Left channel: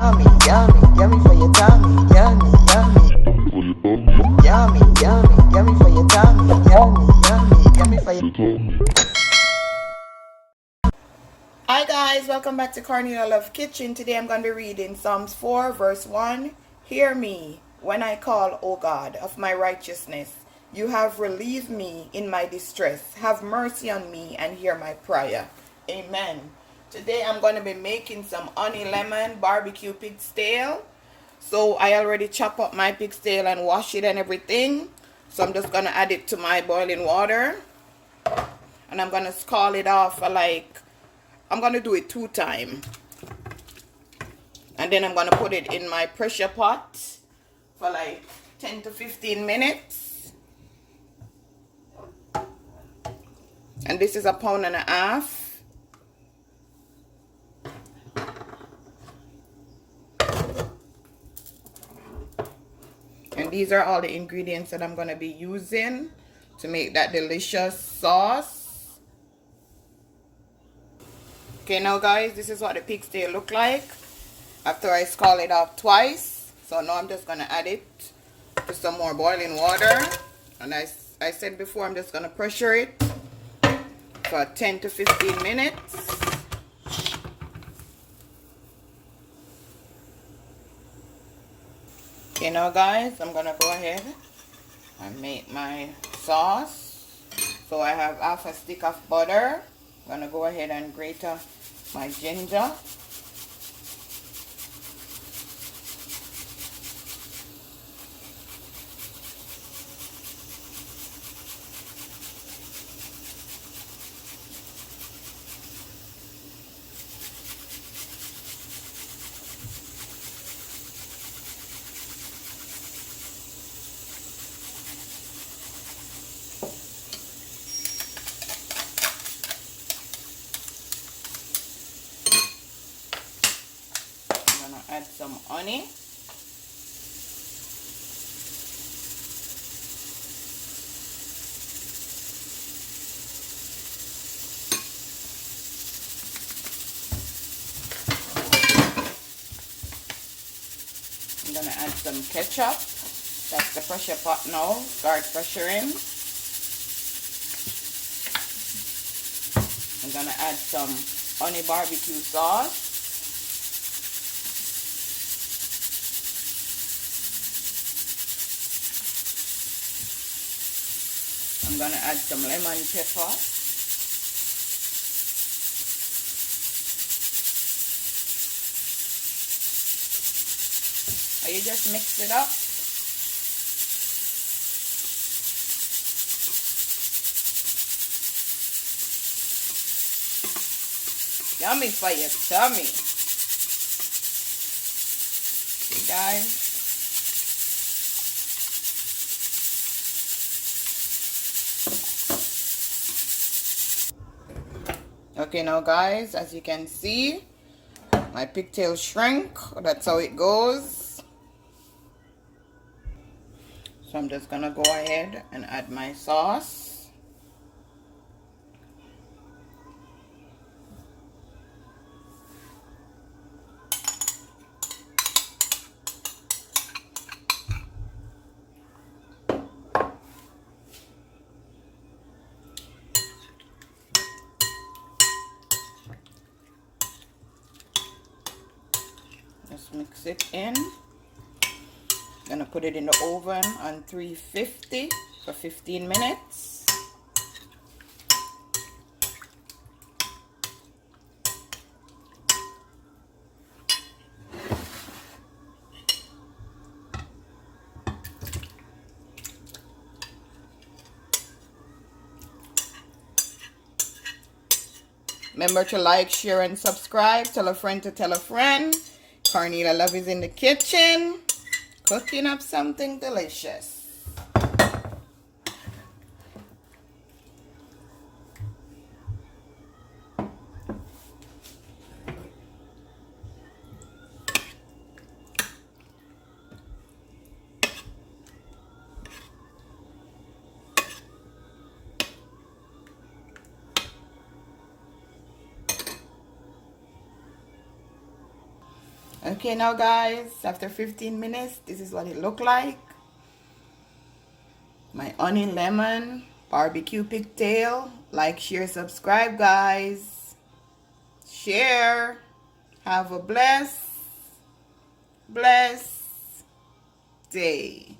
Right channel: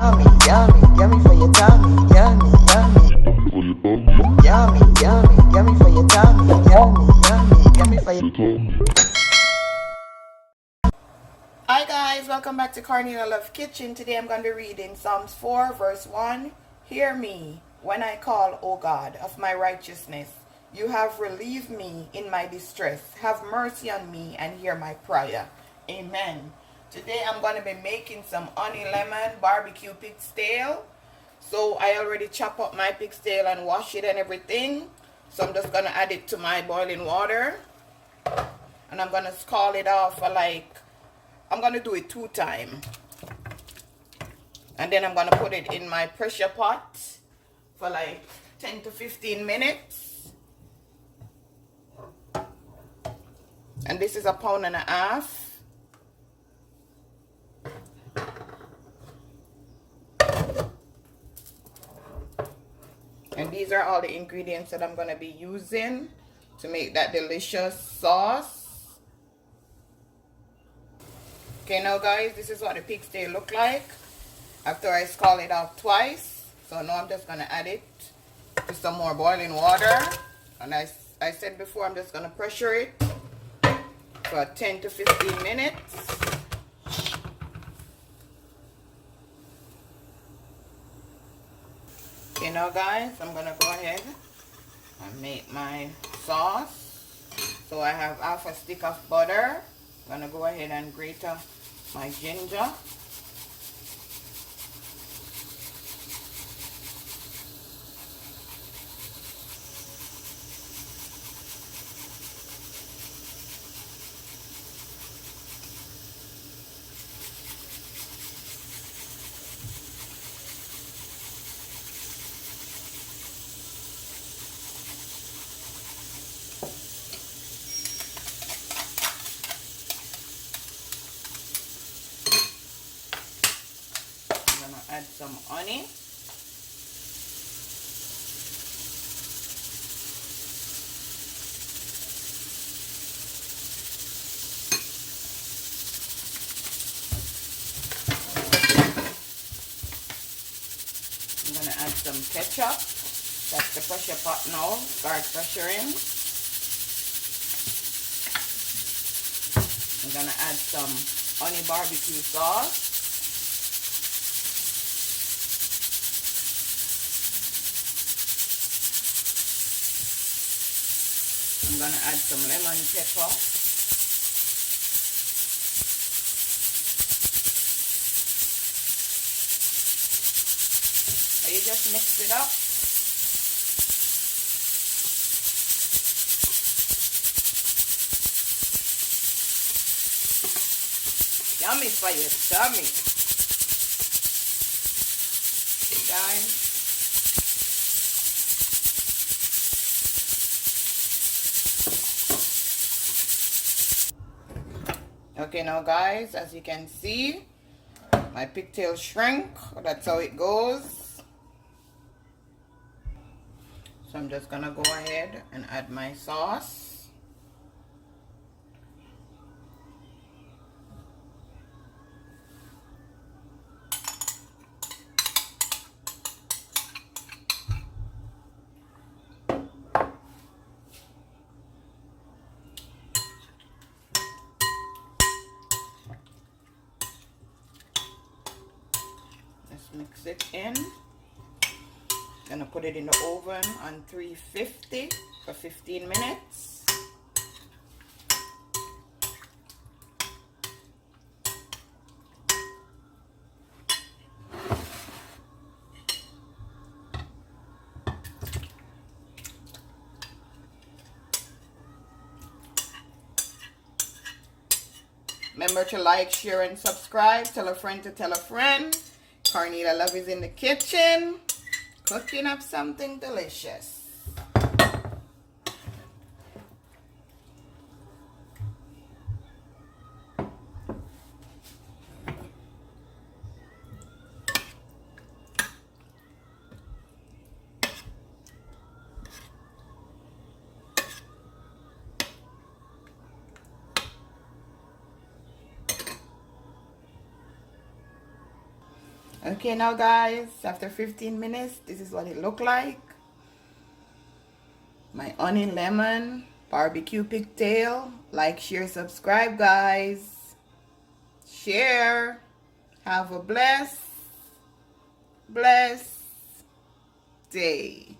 Yummy, yummy, yummy for your tummy. Yummy, yummy. Yummy, yummy, yummy for your tummy. Yummy, yummy, yummy for your tummy. Hi guys, welcome back to Cornelialove Kitchen. Today I'm going to be reading Psalms 4 verse 1. Hear me when I call, O God, of my righteousness. You have relieved me in my distress. Have mercy on me and hear my prayer. Amen. Today I'm going to be making some honey lemon barbecue pig's tail. So I already chop up my pig's tail and wash it and everything. So I'm just going to add it to my boiling water. And I'm going to scald it off for I'm going to do it 2 times. And then I'm going to put it in my pressure pot for 10 to 15 minutes. And this is 1.5 pounds. And these are all the ingredients that I'm going to be using to make that delicious sauce. Okay, now guys, this is what the pig's tail look like after I scald it off twice. So now I'm just going to add it to some more boiling water. And I said before, I'm just going to pressure it for 10 to 15 minutes. Okay, now guys, I'm going to go ahead and make my sauce. So I have half a stick of butter. I'm going to go ahead and grate up my ginger. Add some honey. I'm gonna add some ketchup. That's the pressure pot now. Start pressuring. I'm gonna add some honey barbecue sauce. I'm going to add some lemon pepper. And you just mix it up. Yummy for your tummy. See guys? Okay, now guys, as you can see, my pigtail shrink. That's how it goes. So I'm just gonna go ahead and add my sauce. Mix it in. Gonna put it in the oven on 350 for 15 minutes. Remember to like, share, and subscribe. Tell a friend to tell a friend. Cornelialove is in the kitchen, cooking up something delicious. Okay, now guys, after 15 minutes, this is what it looked like. My onion lemon barbecue pigtail. Like, share, subscribe, guys. Share. Have a blessed day.